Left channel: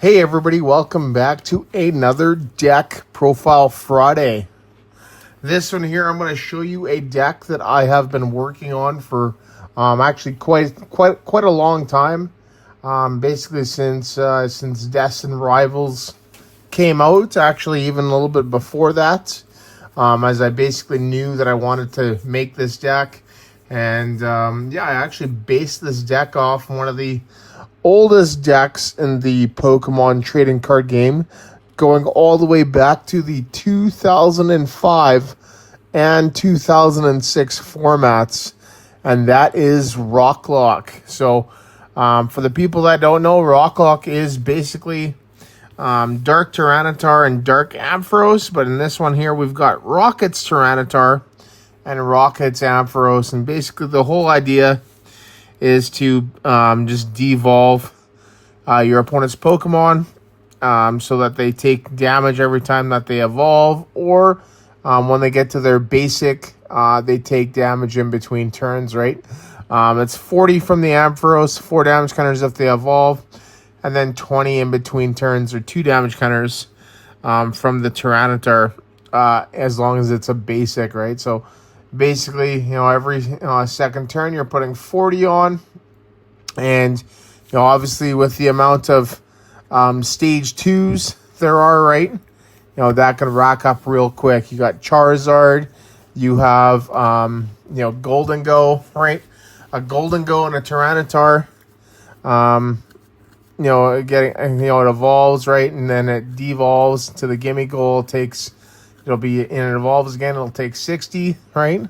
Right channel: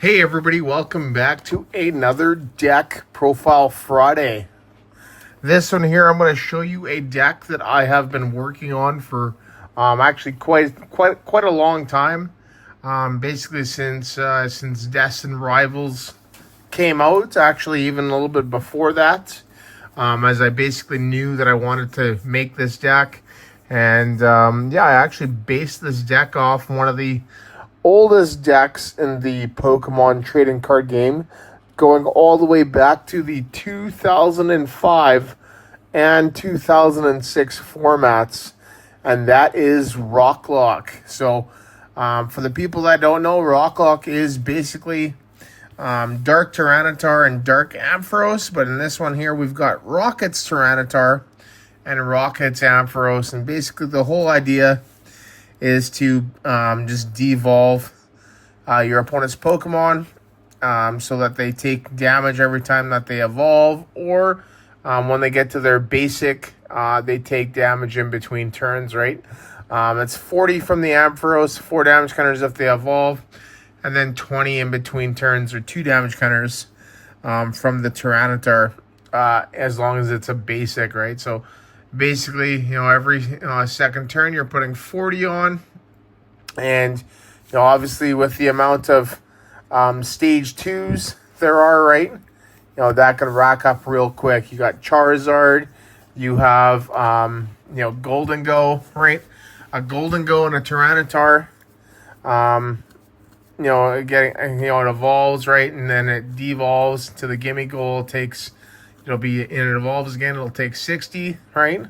Hey everybody, welcome back to another deck profile Friday. This one here, I'm going to show you a deck that I have been working on for actually quite a long time. Basically since Destined Rivals came out, actually even a little bit before that. As I basically knew that I wanted to make this deck, and yeah, I actually based this deck off one of the oldest decks in the Pokemon trading card game, going all the way back to the 2005 and 2006 formats, and that is RockLock. So for the people that don't know, RockLock is basically Dark Tyranitar and Dark Ampharos, but in this one here we've got Rockets Tyranitar and Rockets Ampharos, and basically the whole idea is to just devolve your opponent's Pokemon so that they take damage every time that they evolve, or when they get to their basic, they take damage in between turns, right? It's 40 from the Ampharos, 4 damage counters if they evolve, and then 20 in between turns, or 2 damage counters from the Tyranitar, as long as it's a basic, right? So basically, you know, every second turn you're putting 40 on, and you know, obviously with the amount of stage 2s there are, right, you know, that can rack up real quick. You got Charizard, you have you know, Golden Go, right? A Golden Go and a Tyranitar, you know, it evolves, right, and then it devolves to the gimme goal. It'll evolves again, it'll take 60, right? You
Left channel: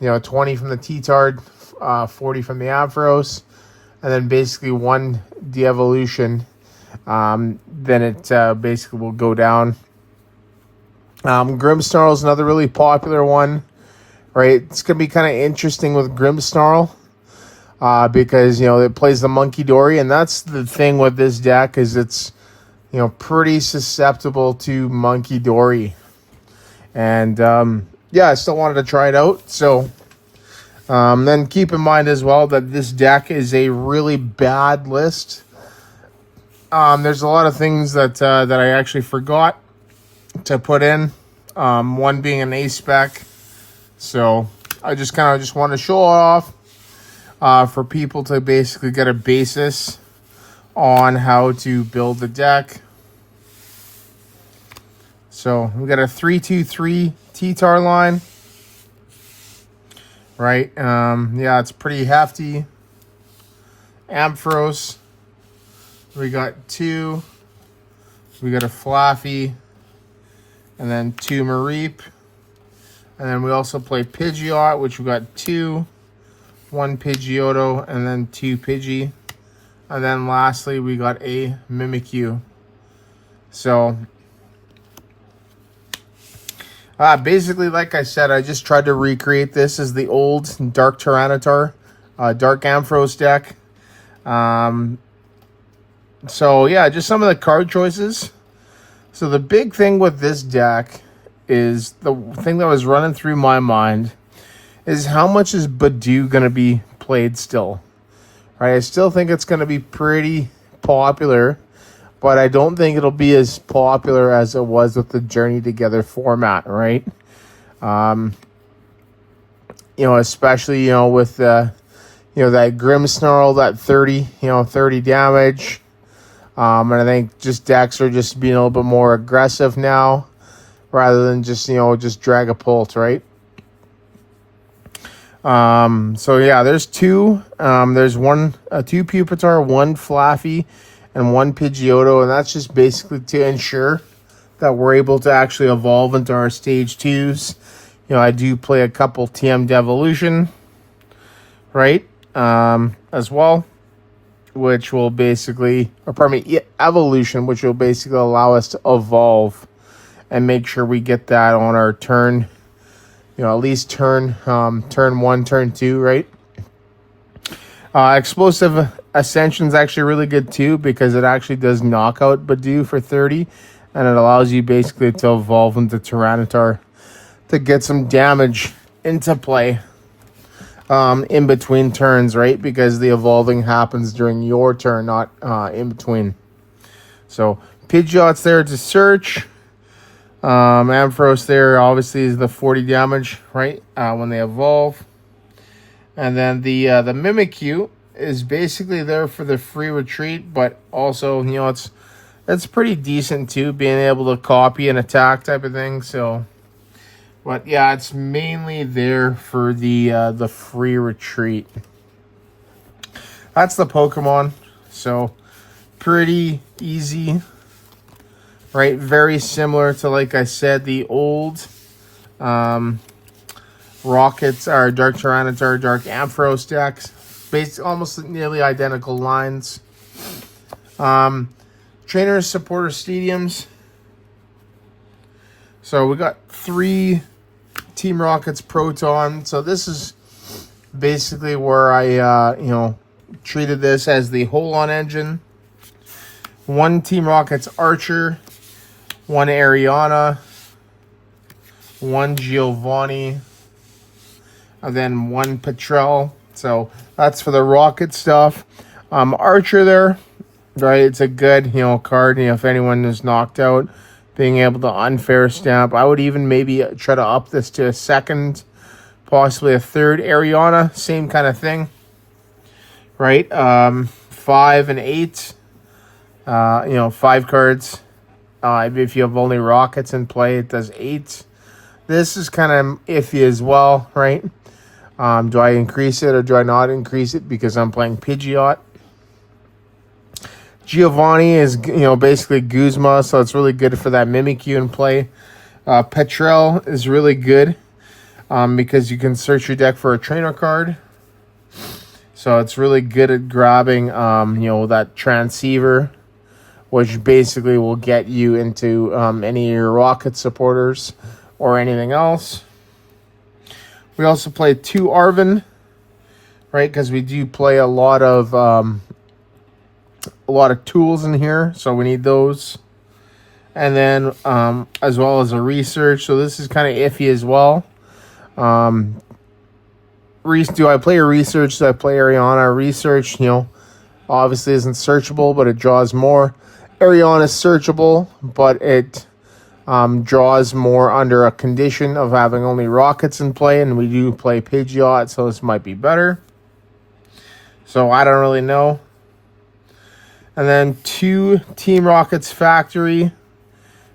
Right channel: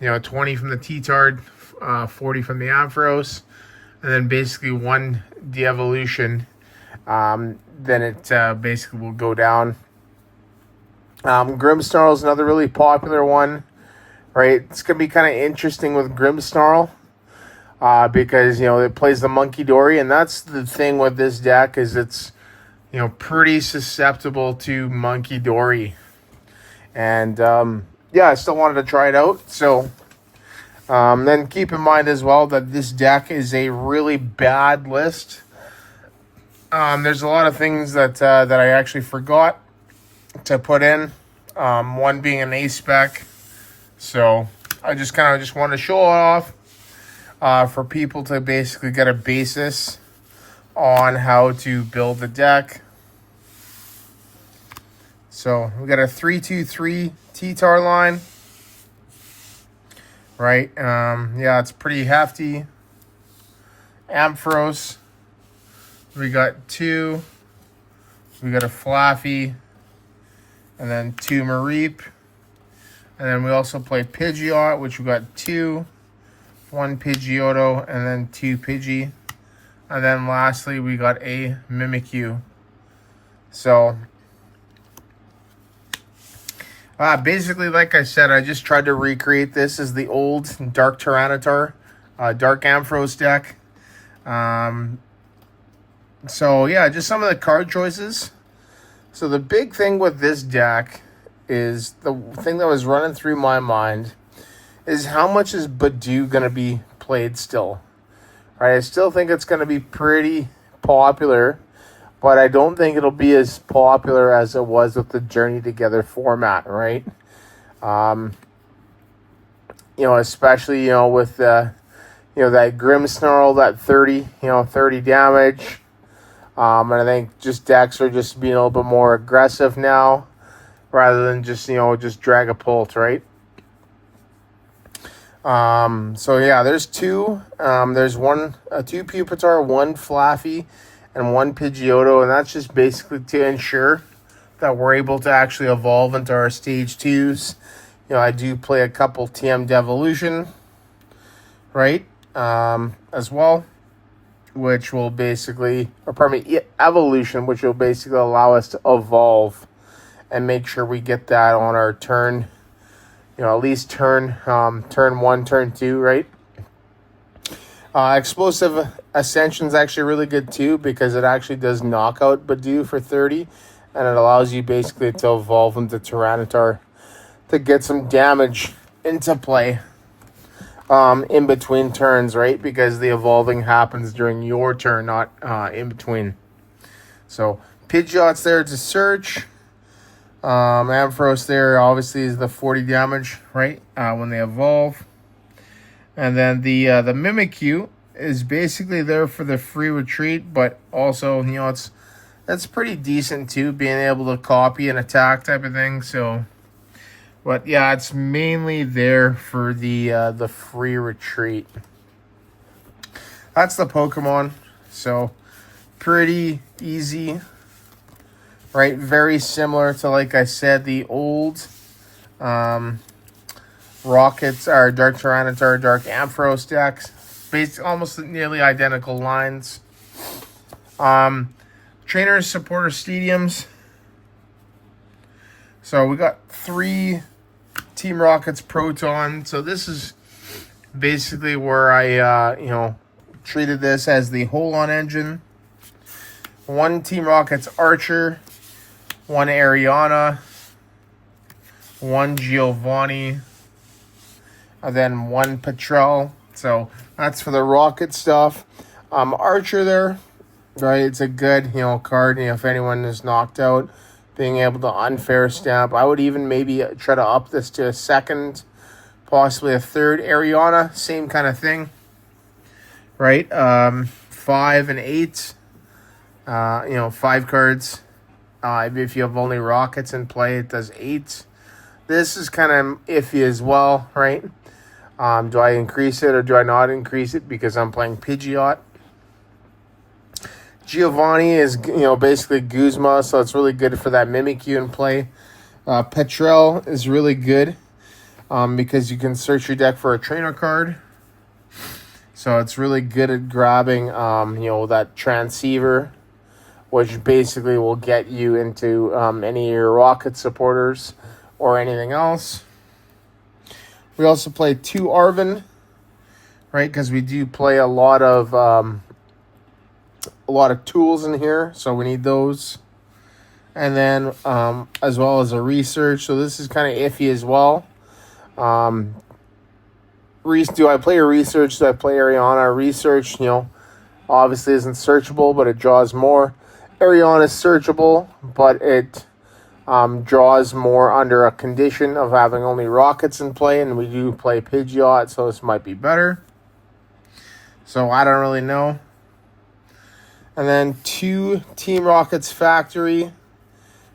know, 20 from the T-Tard, 40 from the Ampharos, and then basically 1 Devolution. Then it basically will go down. Grimmsnarl is another really popular one, right? It's going to be kind of interesting with Grimmsnarl, because, you know, it plays the Monkey Dory, and that's the thing with this deck, is it's, you know, pretty susceptible to Monkey Dory. And yeah, I still wanted to try it out. So then keep in mind as well that this deck is a really bad list. There's a lot of things that I actually forgot to put in, one being an A-spec. So I just want to show it off for people to basically get a basis on how to build the deck. So we got a 3-2-3 T-Tar line, right? Yeah, it's pretty hefty. Ampharos, we got 2. We got a Flaaffy, and then 2 Mareep, and then we also play Pidgeot, which we got 2, 1 Pidgeotto, and then 2 Pidgey. And then lastly, we got a Mimikyu. So basically, like I said, I just tried to recreate this as the old Dark Tyranitar, Dark Ampharos deck. So yeah, just some of the card choices. So the big thing with this deck is, the thing that was running through my mind is, how much is Badoo going to be played still? Right, I still think it's going to be pretty popular, but I don't think it'll be as popular as it was with the Journey Together format, right? You know, especially, you know, with you know, that Grimmsnarl, that 30 damage. And I think just decks are just being a little bit more aggressive now, rather than just, you know, just Dragapult, right? So yeah, there's 2. There's 2 Pupitar, 1 Flaaffy, and 1 Pidgeotto, and that's just basically to ensure that we're able to actually evolve into our stage 2s. You know, I do play a couple TM Devolution, right? As well, which will basically, or pardon me, Evolution, which will basically allow us to evolve and make sure we get that on our turn. You know, at least turn 1, turn 2, right? Explosive Ascension is actually really good too, because it actually does knock out Badoo for 30, and it allows you basically to evolve into Tyranitar to get some damage into play in between turns, right? Because the evolving happens during your turn, not in between. So Pidgeot's there to search. Ampharos there obviously is the 40 damage, right? When they evolve. And then the Mimikyu is basically there for the free retreat, but also, you know, it's pretty decent too, being able to copy and attack type of thing. So, but yeah, it's mainly there for the free retreat. That's the Pokemon. So pretty easy, right? Very similar to, like I said, the old Rockets are Dark Tyranitar, Dark Ampharos decks. Basically, almost nearly identical lines. Trainers, supporters, stadiums. So we got 3 Team Rockets Proton. So this is basically where I, you know, treated this as the hold-on engine. 1 Team Rockets Archer, 1 Ariana, 1 Giovanni, and then 1 Petrel. So that's for the rocket stuff. Archer there, right? It's a good, you know, card. You know, if anyone is knocked out, being able to unfair stamp. I would even maybe try to up this to a 2nd, possibly a 3rd. Ariana, same kind of thing, right? 5 and 8. You know, 5 cards. If you have only rockets in play, it does 8. This is kind of iffy as well, right? Do I increase it or do I not increase it because I'm playing Pidgeot? Giovanni is, you know, basically Guzma, so it's really good for that Mimikyu in play. Petrel is really good because you can search your deck for a trainer card. So it's really good at grabbing, you know, that Transceiver, which basically will get you into any of your Rocket supporters or anything else. We also play 2 Arven, right? Because we do play a lot of tools in here, so we need those. And then as well as a research. So this is kind of iffy as well. Do I play a research? Do I play Ariana? Research, you know, obviously isn't searchable, but it draws more. Ariana is searchable, but it draws more under a condition of having only rockets in play, and we do play Pidgeot, so this might be better. So I don't really know. And then 2 Team Rockets Factory,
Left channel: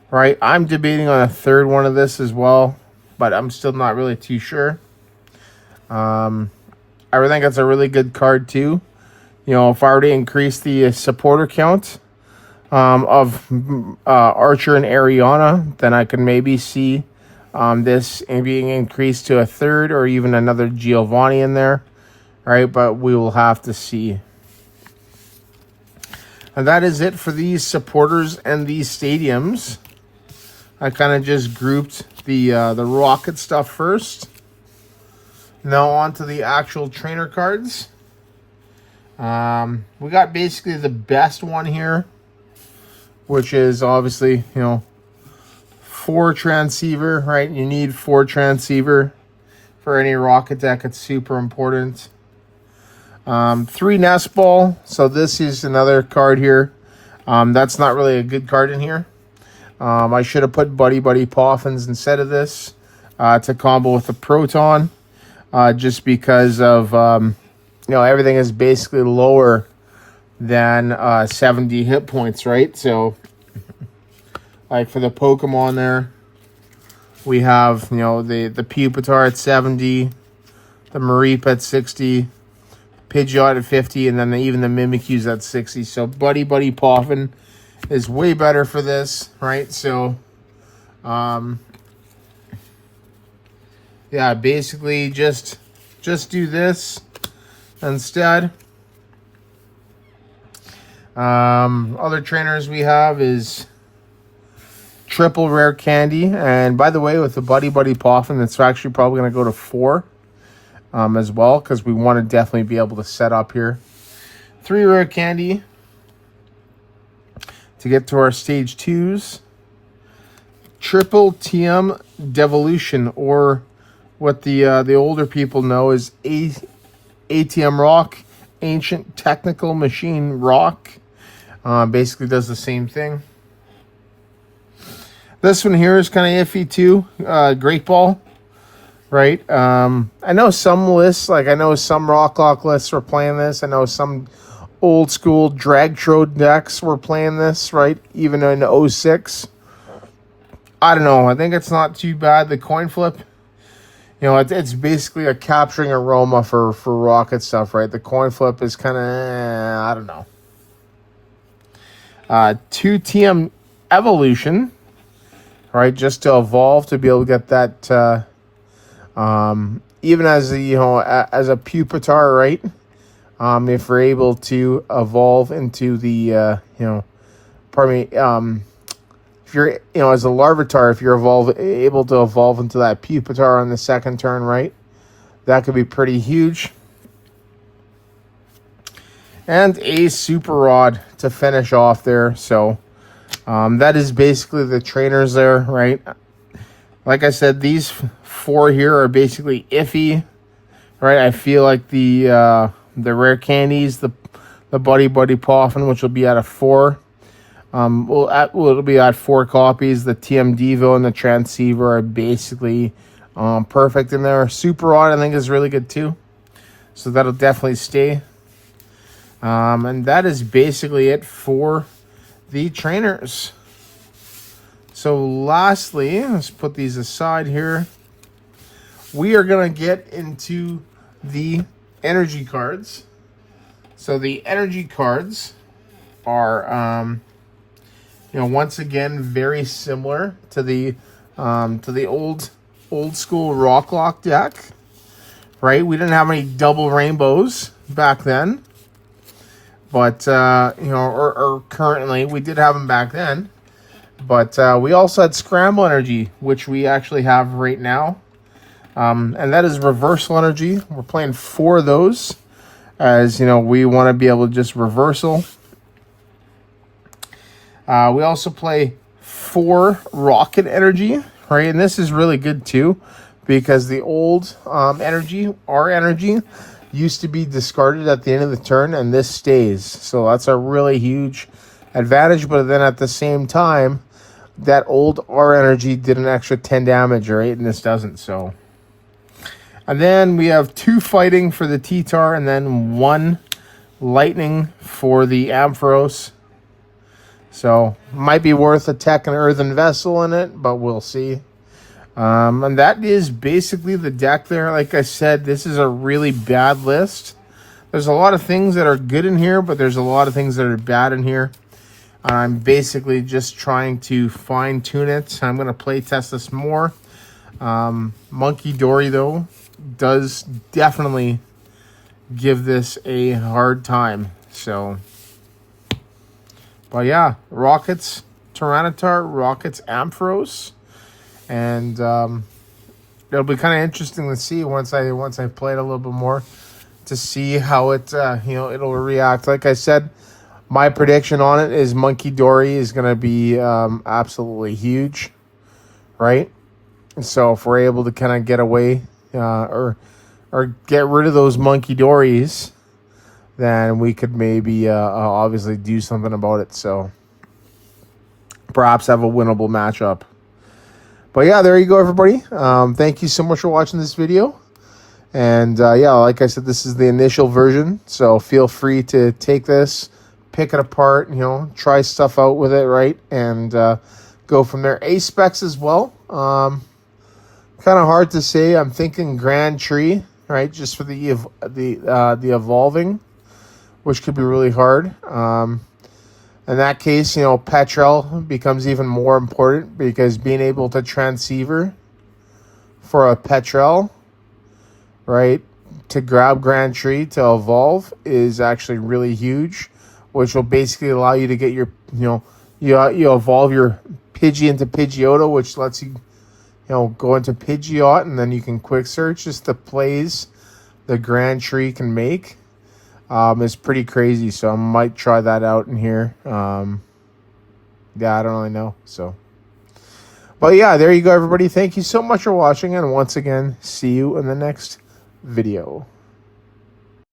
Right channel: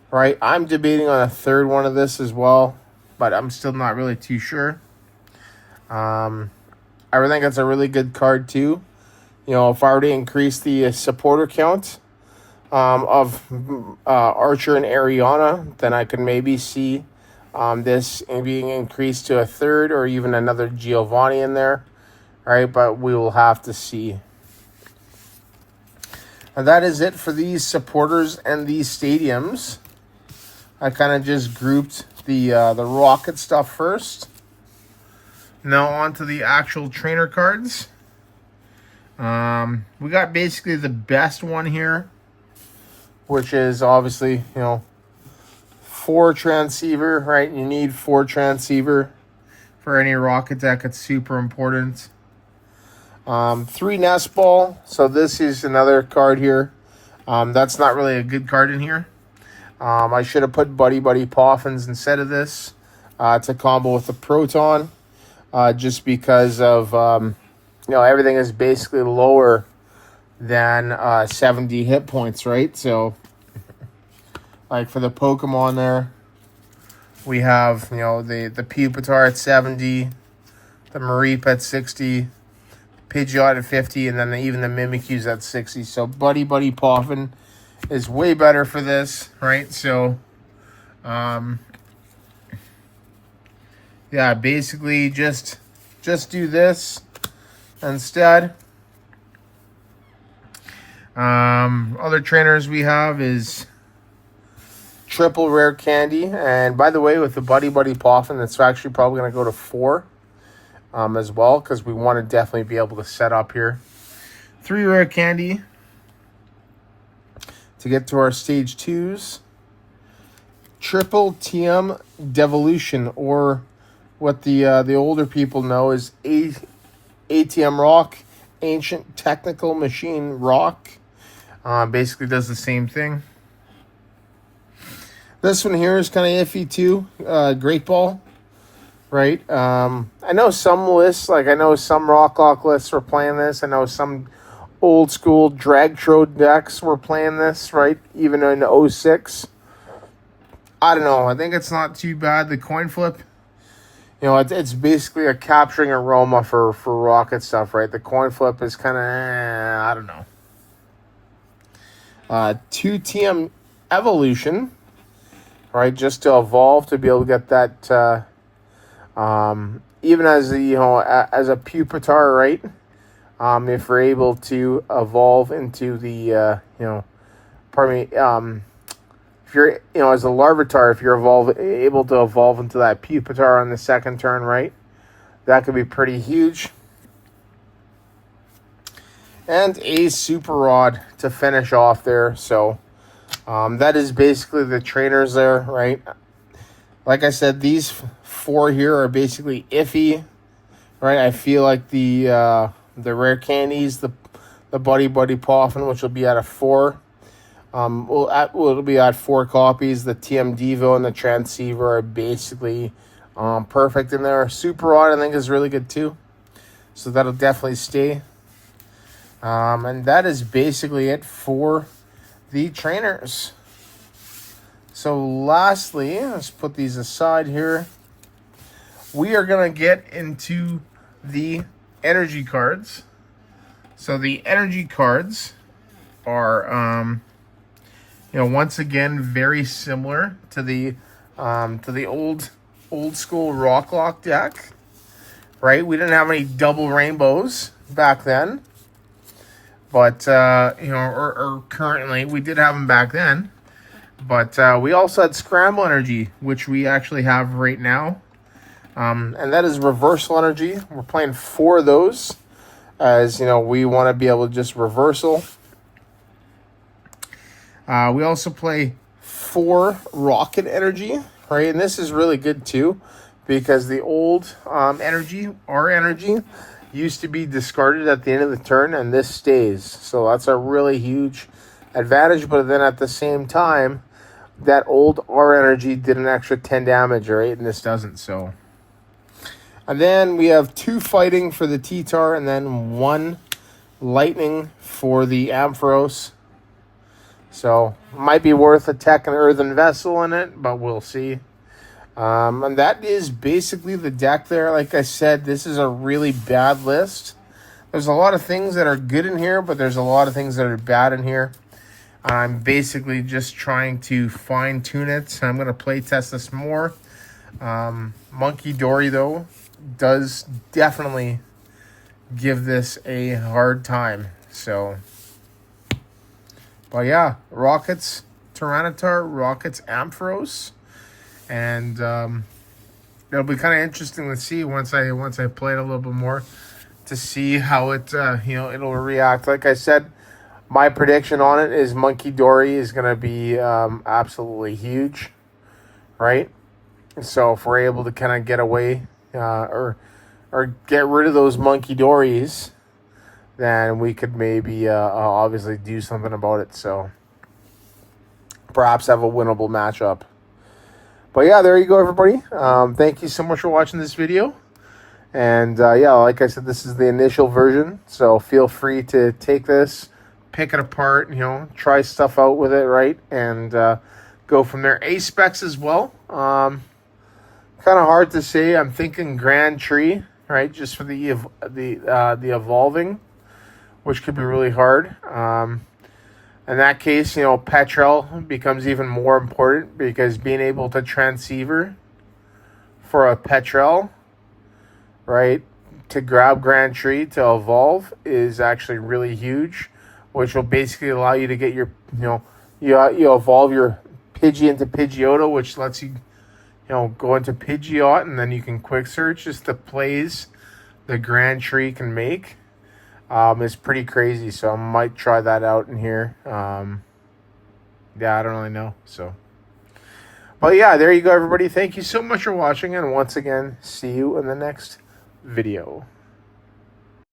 right? I'm debating on a 3rd one of this as well, but I'm still not really too sure. I think it's a really good card too. You know, if I were to increase the supporter count of Archer and Ariana, then I can maybe see this being increased to a 3rd or even another Giovanni in there. All right, but we will have to see. And that is it for these supporters and these stadiums. I kind of just grouped the rocket stuff first. Now on to the actual trainer cards. We got basically the best one here, which is obviously, you know, 4 Transceiver, right? You need 4 Transceiver for any rocket deck. It's super important. 3 Nest Ball. So this is another card here. That's not really a good card in here. I should have put Buddy Poffins instead of this to combo with the Proton, just because of, you know, everything is basically lower than 70 hit points, right? So, like for the Pokemon there, we have, you know, the Pupitar at 70, the Mareep at 60, Pidgeot at 50, and then even the Mimikyu's at 60. So Buddy Poffin is way better for this, right? So, yeah, basically just do this instead. Other trainers we have is triple rare candy, and by the way, with the Buddy Poffin, that's actually probably going to go to 4 as well, because we want to definitely be able to set up here. 3 rare candy to get to our stage 2s. Triple TM Devolution, or what the older people know as ATM Rock, Ancient Technical Machine Rock. Basically does the same thing. This one here is kind of iffy too. Great Ball, right? I know some lists, like I know some RockLock lists were playing this. I know some old school Dragtro decks were playing this, right? Even in 06. I don't know. I think it's not too bad. The coin flip, you know, it's basically a capturing aroma for Rocket stuff, right? The coin flip is kind of, I don't know. 2 TM Evolution, right? Just to evolve to be able to get that, even as a, you know, as a Pupitar, right? If we're able to evolve into the, you know, pardon me, if you're, you know, as a Larvitar, if you're able to evolve into that Pupitar on the second turn, right? That could be pretty huge. And a Super Rod to finish off there. So, that is basically the trainers there, right? Like I said, these 4 here are basically iffy, right? I feel like the rare candies, the Buddy Poffin, which will be out of 4. It'll be at 4 copies. The TM Devo and the Transceiver are basically perfect in there. Super Rod, I think, is really good too. So that'll definitely stay. And that is basically it for the trainers. So lastly, let's put these aside here. We are going to get into the energy cards. So the energy cards are, you know, once again, very similar to the old school RockLock deck, right? We didn't have any double rainbows back then, but you know, or currently we did have them back then, but we also had Scramble Energy, which we actually have right now, and that is Reversal Energy. We're playing 4 of those, as you know, we want to be able to just reversal. We also play 4 Rocket Energy, right? And this is really good too, because the old energy, our energy, used to be discarded at the end of the turn, and this stays. So that's a really huge advantage. But then at the same time, that old R energy did an extra 10 damage, right? And this doesn't. So, and then we have 2 fighting for the T-Tar, and then 1 lightning for the Ampharos. So, might be worth a tech and earthen vessel in it, but we'll see. And that is basically the deck there. Like I said, this is a really bad list. There's a lot of things that are good in here, but there's a lot of things that are bad in here. I'm basically just trying to fine tune it. I'm going to play test this more. Monkey Dory, though, does definitely give this a hard time. So, but yeah, Rockets Tyranitar, Rockets Ampharos, and it'll be kind of interesting to see once I play it a little bit more, to see how it you know, it'll react. Like I said, my prediction on it is Monkey Dory is going to be absolutely huge, right? And so if we're able to kind of get away or get rid of those Monkey Dories, then we could maybe obviously do something about it. So perhaps have a winnable matchup. But yeah, there you go, everybody. Thank you so much for watching this video. And yeah, like I said, this is the initial version. So feel free to take this, pick it apart, you know, try stuff out with it, right? And go from there. A-specs as well. Kind of hard to say. I'm thinking Grand Tree, right? Just for the evolving, which could be really hard. In that case, you know, Petrel becomes even more important, because being able to Transceiver for a Petrel, right, to grab Grand Tree to evolve is actually really huge, which will basically allow you to get your, you know, you evolve your Pidgey into Pidgeotto, which lets you, you know, go into Pidgeot, and then you can quick search. Just the plays the Grand Tree can make is pretty crazy. So I might try that out in here. Yeah, I don't really know. So, but yeah, there you go, everybody. Thank you so much for watching, and once again, see you in the next video.